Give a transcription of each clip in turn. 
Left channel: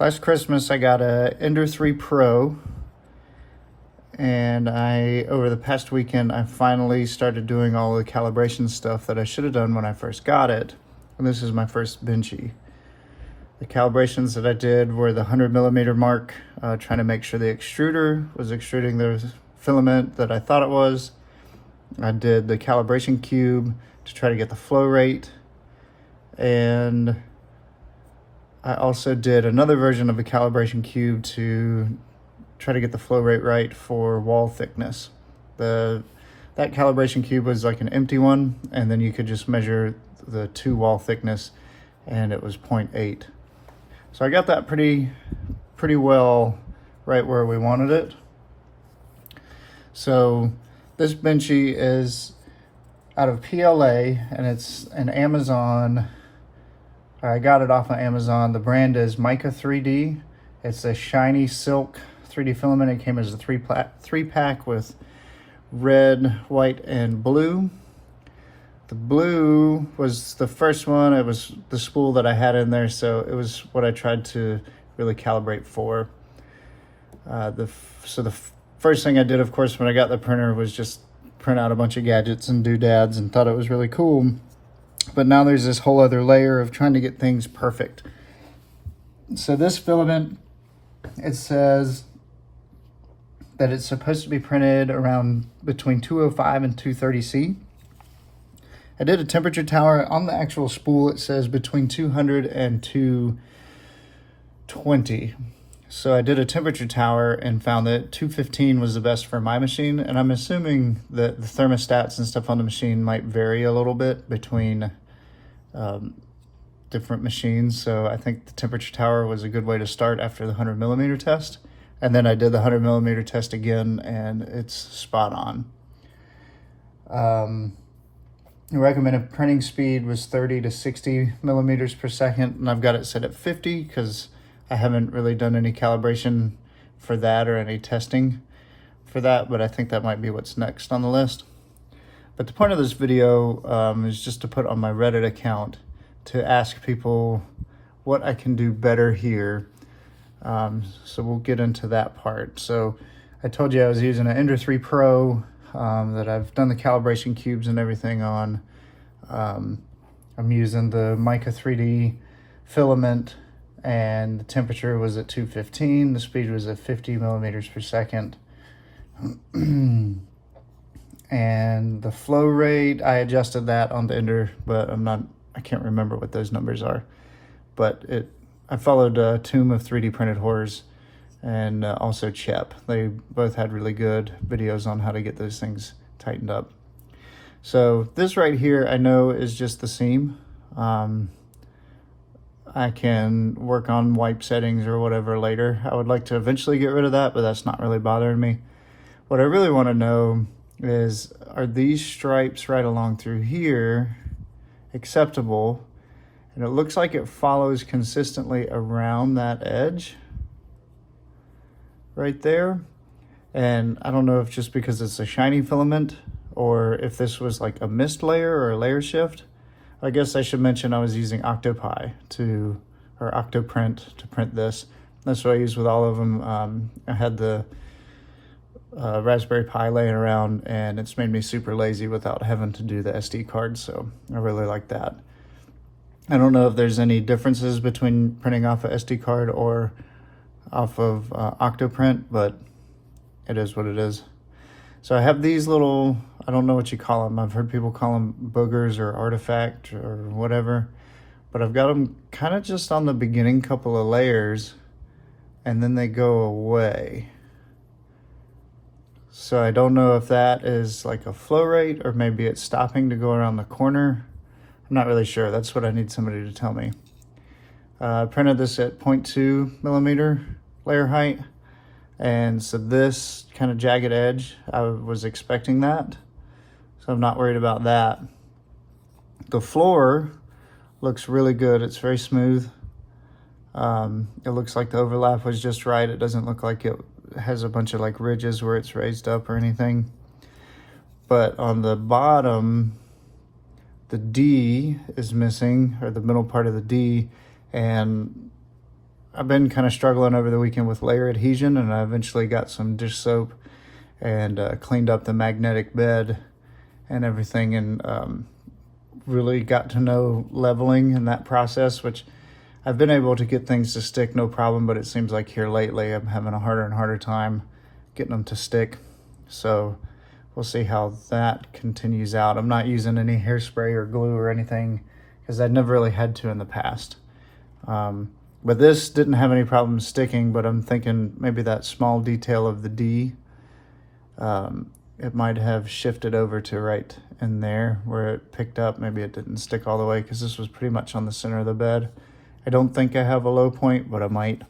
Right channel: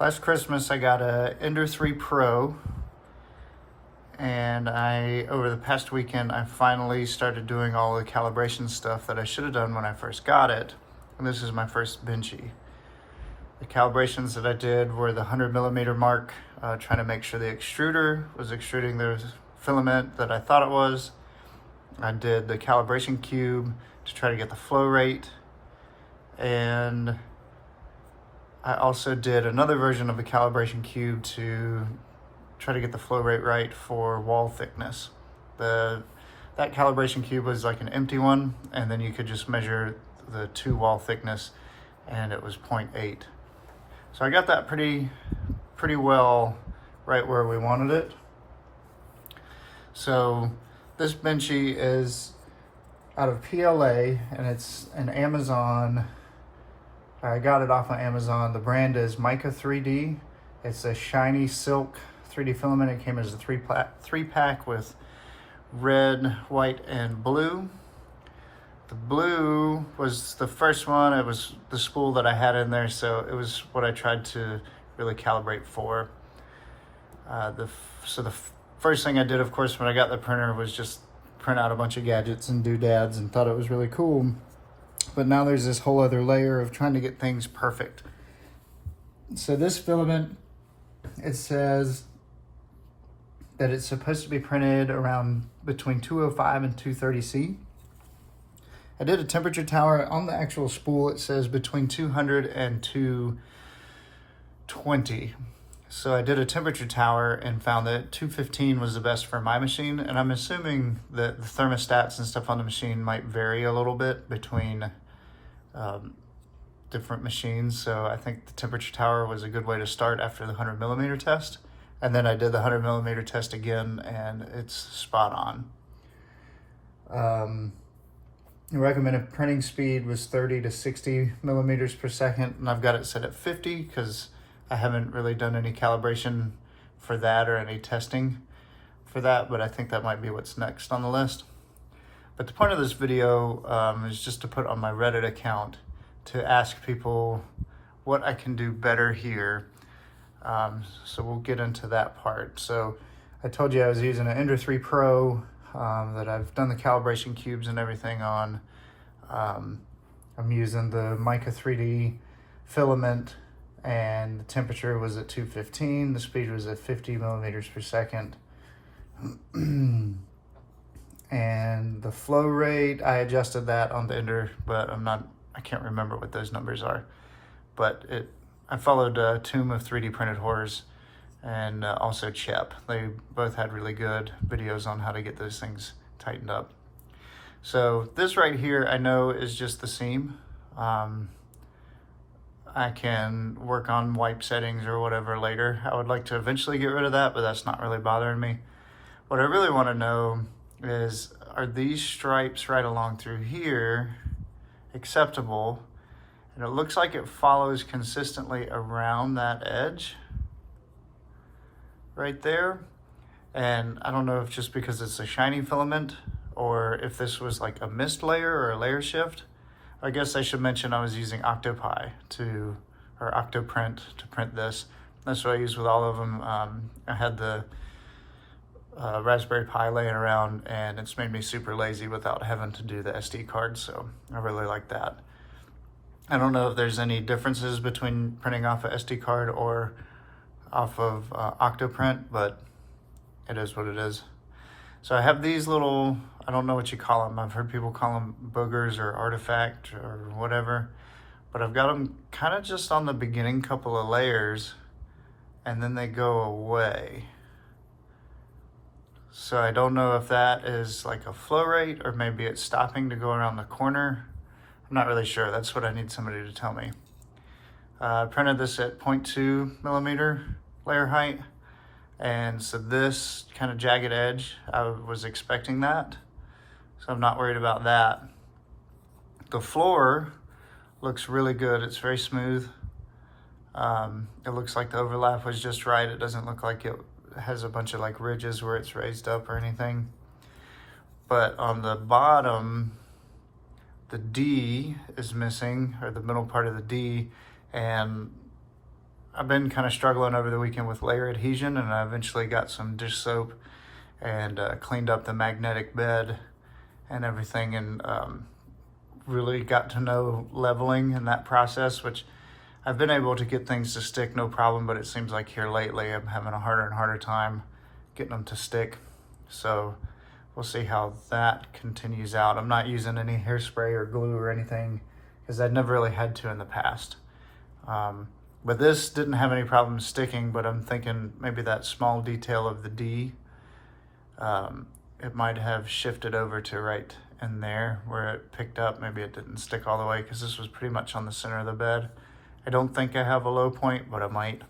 Last Christmas I got a Ender 3 Pro, and over the past weekend I finally started doing all the calibration stuff that I should have done when I first got it, and this is my first benchy. The calibrations that I did were the 100mm mark, trying to make sure the extruder was extruding the filament that I thought it was. I did the calibration cube to try to get the flow rate, and I also did another version of a calibration cube to try to get the flow rate right for wall thickness. That calibration cube was like an empty one, and then you could just measure the two wall thickness, and it was 0.8. So I got that pretty well right where we wanted it. So this benchy is out of PLA, and it's an Amazon. I got it off of Amazon. The brand is Mica 3D. It's a shiny silk 3D filament. It came as a three pack with red, white, and blue. The blue was the first one. It was the spool that I had in there, so it was what I tried to really calibrate for. The first thing I did, of course, when I got the printer was just print out a bunch of gadgets and doodads and thought it was really cool. But now there's this whole other layer of trying to get things perfect. So this filament, it says that it's supposed to be printed around between 205 and 230C. I did a temperature tower. On the actual spool, it says between 200 and 220. So I did a temperature tower and found that 215 was the best for my machine. And I'm assuming that the thermostats and stuff on the machine might vary a little bit between different machines. So I think the temperature tower was a good way to start after the 100mm test. And then I did the 100mm test again, and it's spot on. The recommended printing speed was 30 to 60 millimeters per second, and I've got it set at 50 because I haven't really done any calibration for that or any testing for that, but I think that might be what's next on the list. But the point of this video is just to put on my Reddit account to ask people what I can do better here. So we'll get into that part. So I told you I was using an Ender 3 Pro that I've done the calibration cubes and everything on. I'm using the Mica 3D filament, and the temperature was at 215. The speed was at 50 millimeters per second. And the flow rate, I adjusted that on the Ender, but I can't remember what those numbers are. But I followed Tomb of 3D Printed Horrors and also Chep. They both had really good videos on how to get those things tightened up. So this right here, I know is just the seam. I can work on wipe settings or whatever later. I would like to eventually get rid of that, but that's not really bothering me. What I really want to know is, are these stripes right along through here acceptable? And it looks like it follows consistently around that edge right there. And I don't know if just because it's a shiny filament or if this was like a mist layer or a layer shift. I guess I should mention I was using Octoprint to print this. That's what I use with all of them. I had the Raspberry Pi laying around, and it's made me super lazy without having to do the SD card, so I really like that. I don't know if there's any differences between printing off a SD card or off of Octoprint, but it is what it is. So I have these little, I don't know what you call them. I've heard people call them boogers or artifact or whatever, but I've got them kind of just on the beginning couple of layers, and then they go away. So I don't know if that is like a flow rate or maybe it's stopping to go around the corner. I'm not really sure. That's what I need somebody to tell me. I printed this at 0.2mm layer height. And so this kind of jagged edge, I was expecting that. So I'm not worried about that. The floor looks really good. It's very smooth. It looks like the overlap was just right. It doesn't look like it has a bunch of like ridges where it's raised up or anything. But on the bottom, the D is missing, or the middle part of the D, and I've been kind of struggling over the weekend with layer adhesion, and I eventually got some dish soap and cleaned up the magnetic bed and everything, and really got to know leveling in that process, which I've been able to get things to stick no problem, but it seems like here lately I'm having a harder and harder time getting them to stick. So we'll see how that continues out. I'm not using any hairspray or glue or anything because I'd never really had to in the past. But this didn't have any problems sticking, but I'm thinking maybe that small detail of the D, it might have shifted over to right in there where it picked up. Maybe it didn't stick all the way because this was pretty much on the center of the bed. I don't think I have a low point, but I might.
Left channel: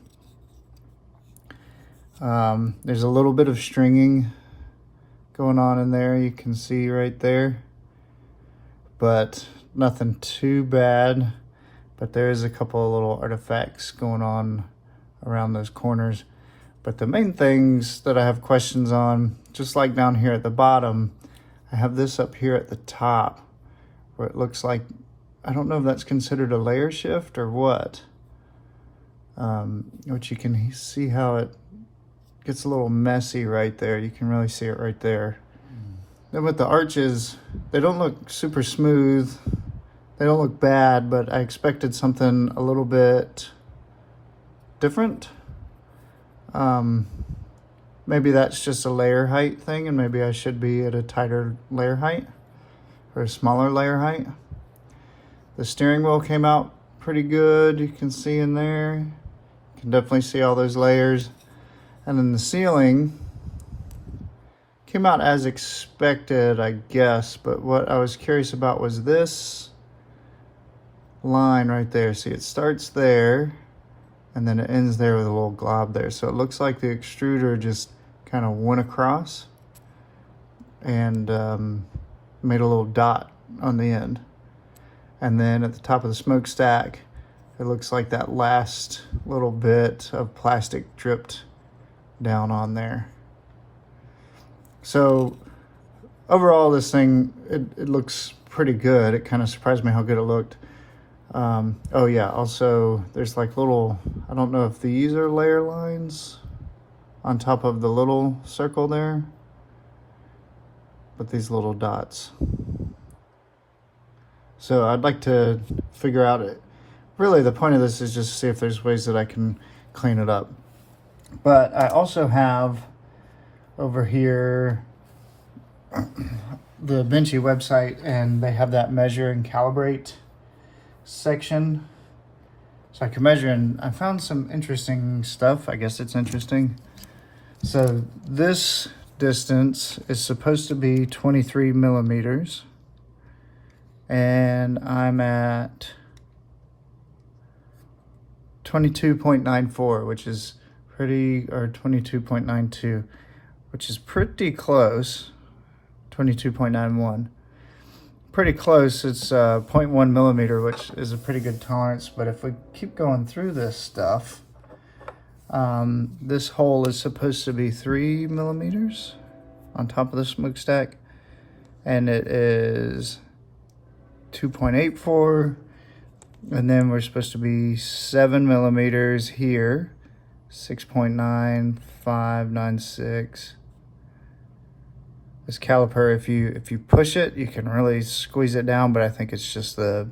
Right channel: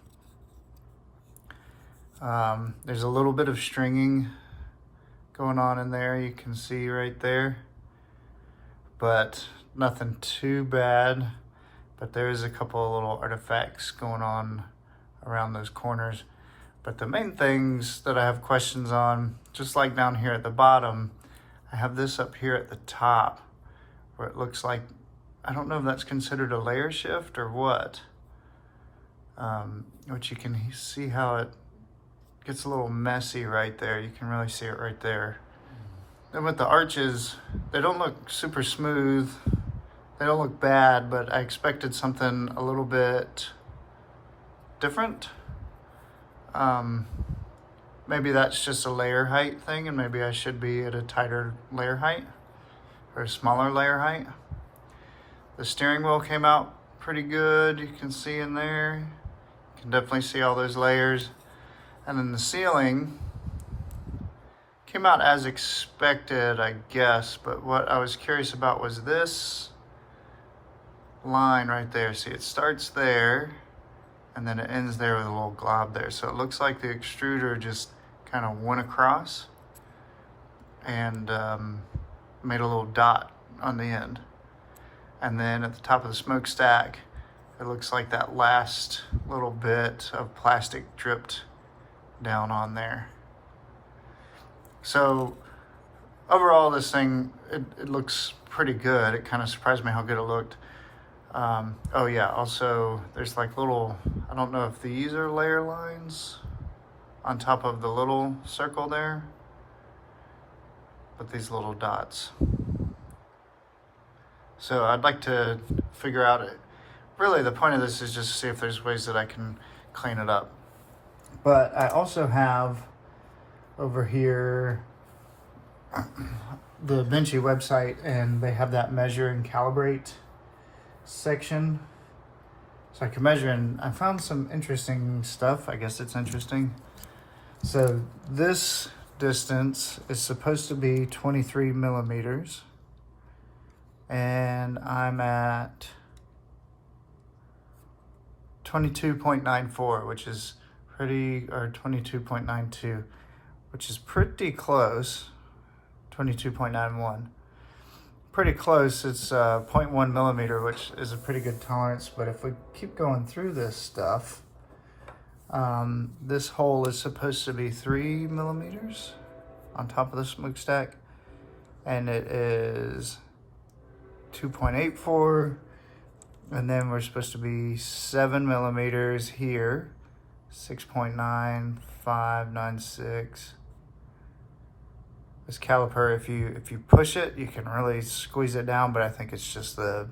There's a little bit of stringing going on in there, you can see right there, but nothing too bad. But there is a couple of little artifacts going on around those corners. But the main things that I have questions on, just like down here at the bottom, I have this up here at the top where it looks like, I don't know if that's considered a layer shift or what, which you can see how it gets a little messy right there. You can really see it right there. Then with the arches, they don't look super smooth. They don't look bad, but I expected something a little bit different. Maybe that's just a layer height thing, and maybe I should be at a tighter layer height or a smaller layer height. The steering wheel came out pretty good. You can see in there. You can definitely see all those layers. And then the ceiling came out as expected, I guess. But what I was curious about was this line right there. See, it starts there and then it ends there with a little glob there. So it looks like the extruder just kind of went across and made a little dot on the end. And then at the top of the smokestack, it looks like that last little bit of plastic dripped down on there. So overall, this thing, it looks pretty good. It kind of surprised me how good it looked. Oh yeah, also there's like little, I don't know if these are layer lines on top of the little circle there, but these little dots. So I'd like to figure out it. Really, the point of this is just to see if there's ways that I can clean it up. But I also have over here the Benchy website, and they have that measure and calibrate section. So I can measure, and I found some interesting stuff. I guess it's interesting. So this distance is supposed to be 23 millimeters. And I'm at 22.94, which is pretty, or 22.92, which is pretty close. 22.91, pretty close. It's 0.1 millimeter, which is a pretty good tolerance. But if we keep going through this stuff, this hole is supposed to be 3 millimeters on top of the smokestack, and it is 2.84, and then we're supposed to be 7 millimeters here, 6.9596. This caliper, if you push it, you can really squeeze it down, but I think it's just the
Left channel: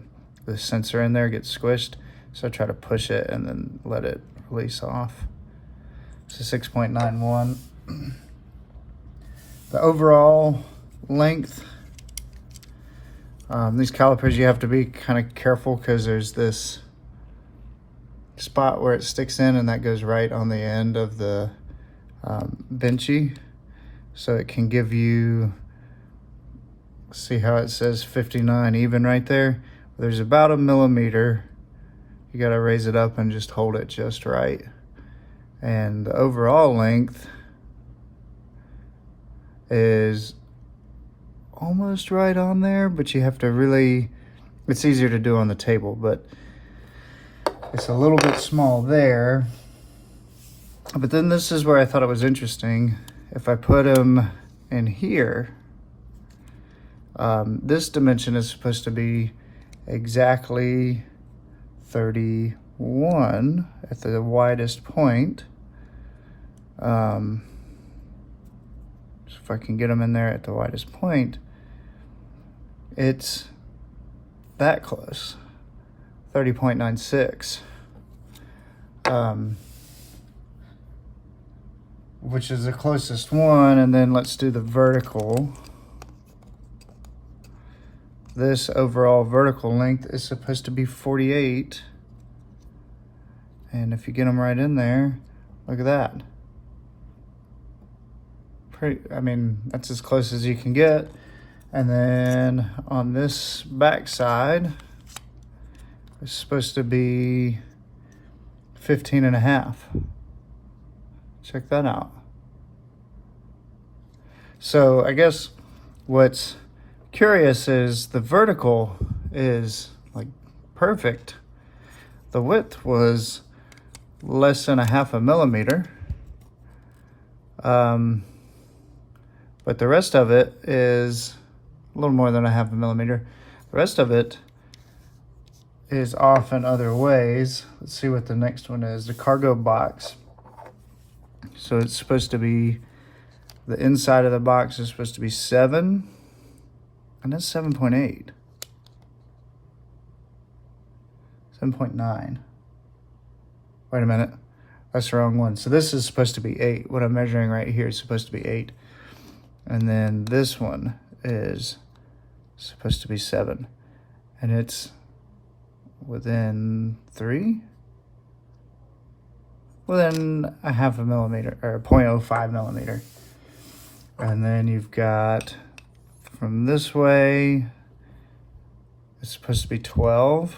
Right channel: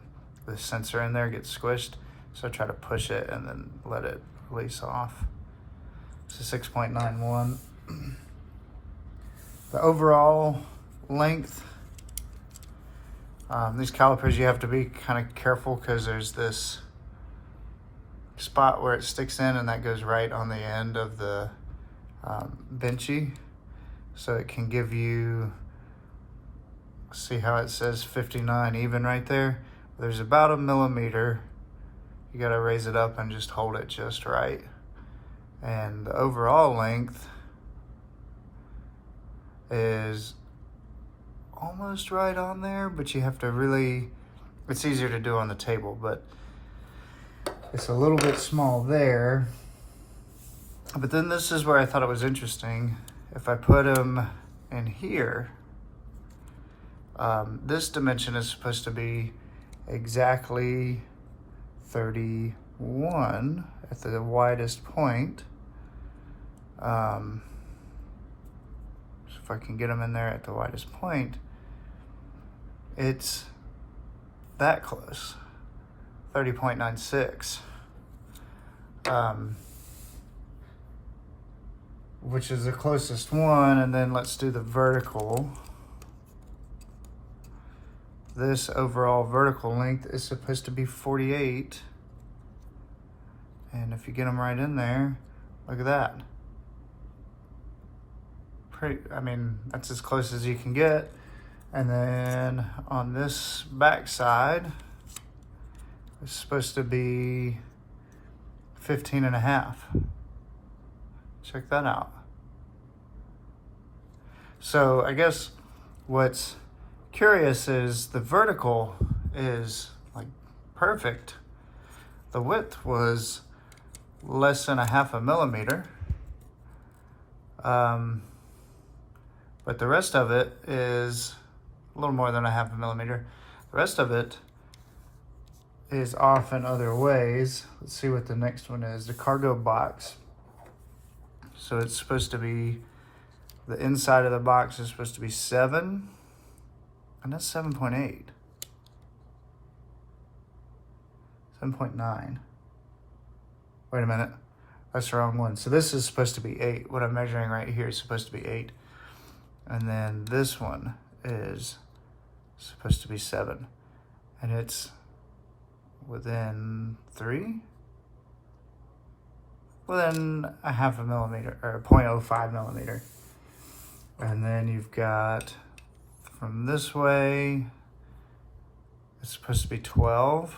sensor in there gets squished. So I try to push it and then let it release off. So 6.91. The overall length, these calipers, you have to be kind of careful because there's this spot where it sticks in, and that goes right on the end of the benchy. So it can give you, see how it says 59 even right there? There's about a millimeter. You gotta raise it up and just hold it just right. And the overall length is almost right on there, but you have to really, it's easier to do on the table, but it's a little bit small there. But then this is where I thought it was interesting. If I put them in here, this dimension is supposed to be exactly 30 1 at the widest point. So if I can get them in there at the widest point, it's that close, 30.96, which is the closest one. And then let's do the vertical. This overall vertical length is supposed to be 48. And if you get them right in there, look at that. I mean, that's as close as you can get. And then on this back side, it's supposed to be 15.5. Check that out. So I guess what's curious is the vertical is like perfect. The width was less than 0.5 millimeter. But the rest of it is a little more than 0.5 millimeter. The rest of it is off in other ways. Let's see what the next one is. The cargo box. So it's supposed to be, the inside of the box is supposed to be 7, and that's 7.8. 7.9. Wait a minute. That's the wrong one. So this is supposed to be 8. What I'm measuring right here is supposed to be 8. And then this one is supposed to be 7. And it's within 3? Within 0.5 millimeter, or 0.05 millimeter. And then you've got from this way, it's supposed to be 12.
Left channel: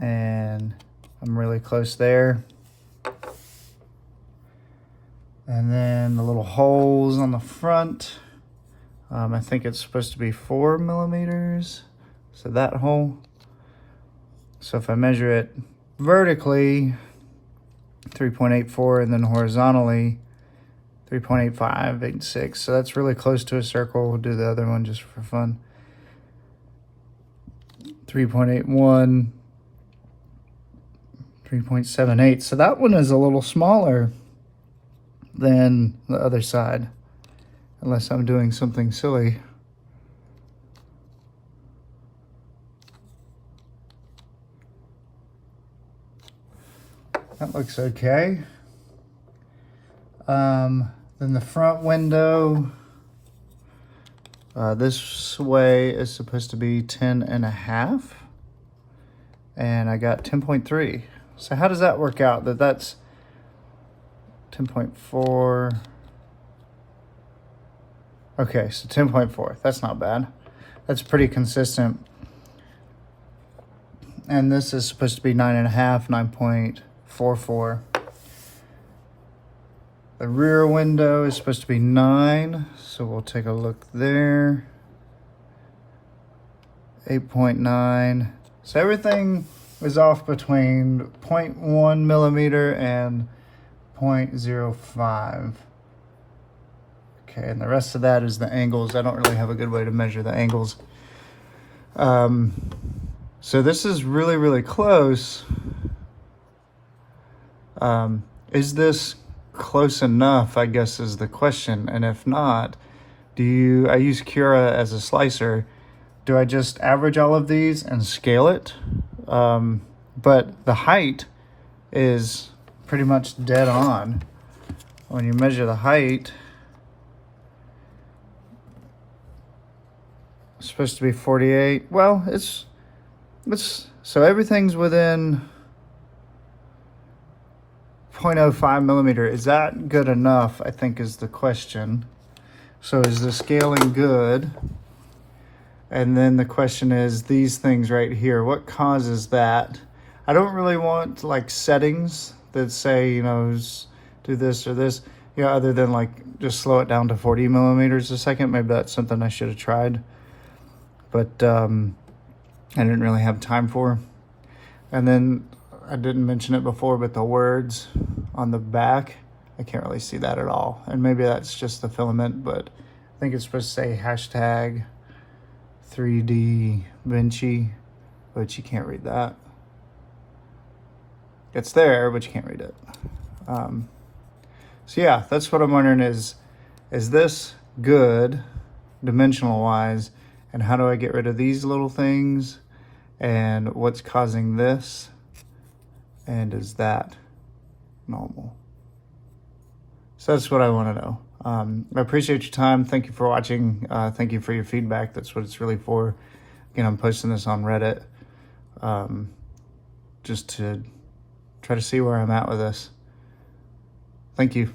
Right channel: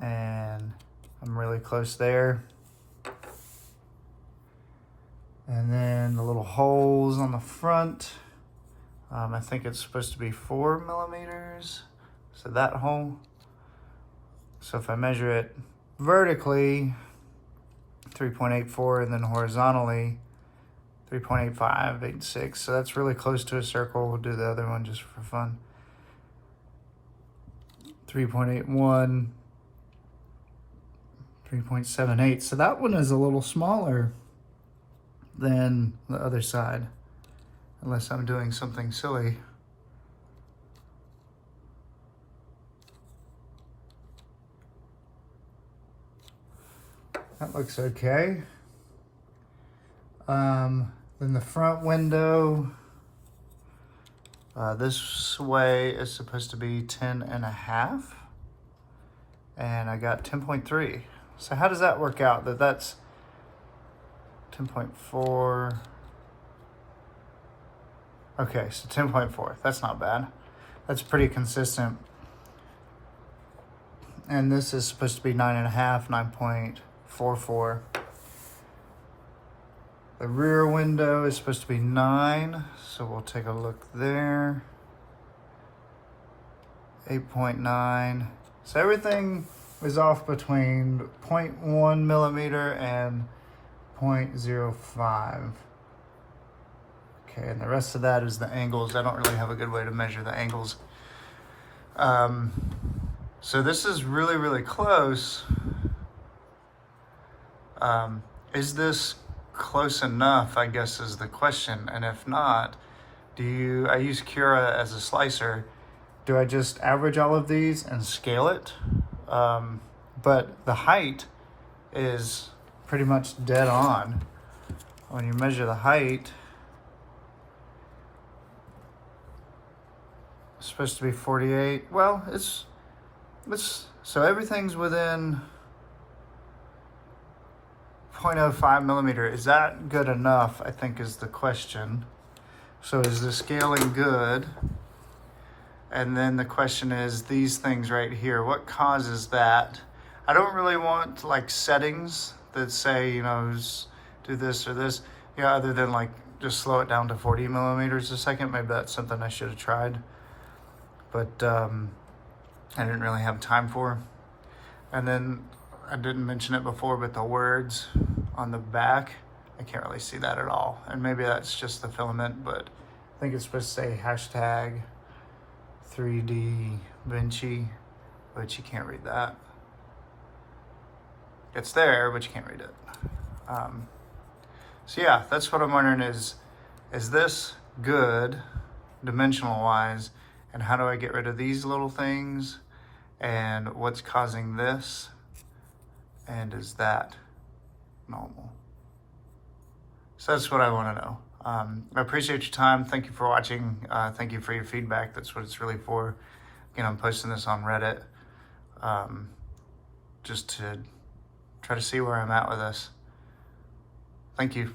And I'm really close there. And then the little holes on the front, I think it's supposed to be 4 millimeters. So that hole. So if I measure it vertically, 3.84, and then horizontally, 3.8586. So that's really close to a circle. We'll do the other one just for fun. 3.81, 3.78. So that one is a little smaller than the other side, unless I'm doing something silly. That looks okay. Then the front window, this way is supposed to be 10.5, and I got 10.3. So how does that work out? That's 10.4. Okay, so 10.4. That's not bad. That's pretty consistent. And this is supposed to be 9.5, 9.44. The rear window is supposed to be 9, so we'll take a look there. 8.9. So everything is off between 0.1 millimeter and 0.05. Okay, and the rest of that is the angles. I don't really have a good way to measure the angles. So this is really, really close. Is this close enough, I guess, is the question. And if not, I use Cura as a slicer. Do I just average all of these and scale it? But the height is pretty much dead on. When you measure the height, it's supposed to be 48. Well, it's so everything's within 0.05 millimeter. Is that good enough, I think, is the question. So is the scaling good? And then the question is these things right here, what causes that? I don't really want like settings that say, you know, do this or this, you know, other than like just slow it down to 40 millimeters a second. Maybe that's something I should have tried, but I didn't really have time for. And then I didn't mention it before, but the words on the back, I can't really see that at all. And maybe that's just the filament, but I think it's supposed to say hashtag 3DBenchy, but you can't read that. It's there, but you can't read it. So yeah, that's what I'm wondering is this good dimensional wise, and how do I get rid of these little things, and what's causing this, and is that normal? So that's what I want to know. I appreciate your time. Thank you for watching. Thank you for your feedback. That's what it's really for. Again, I'm posting this on Reddit just to try to see where I'm at with this. Thank you.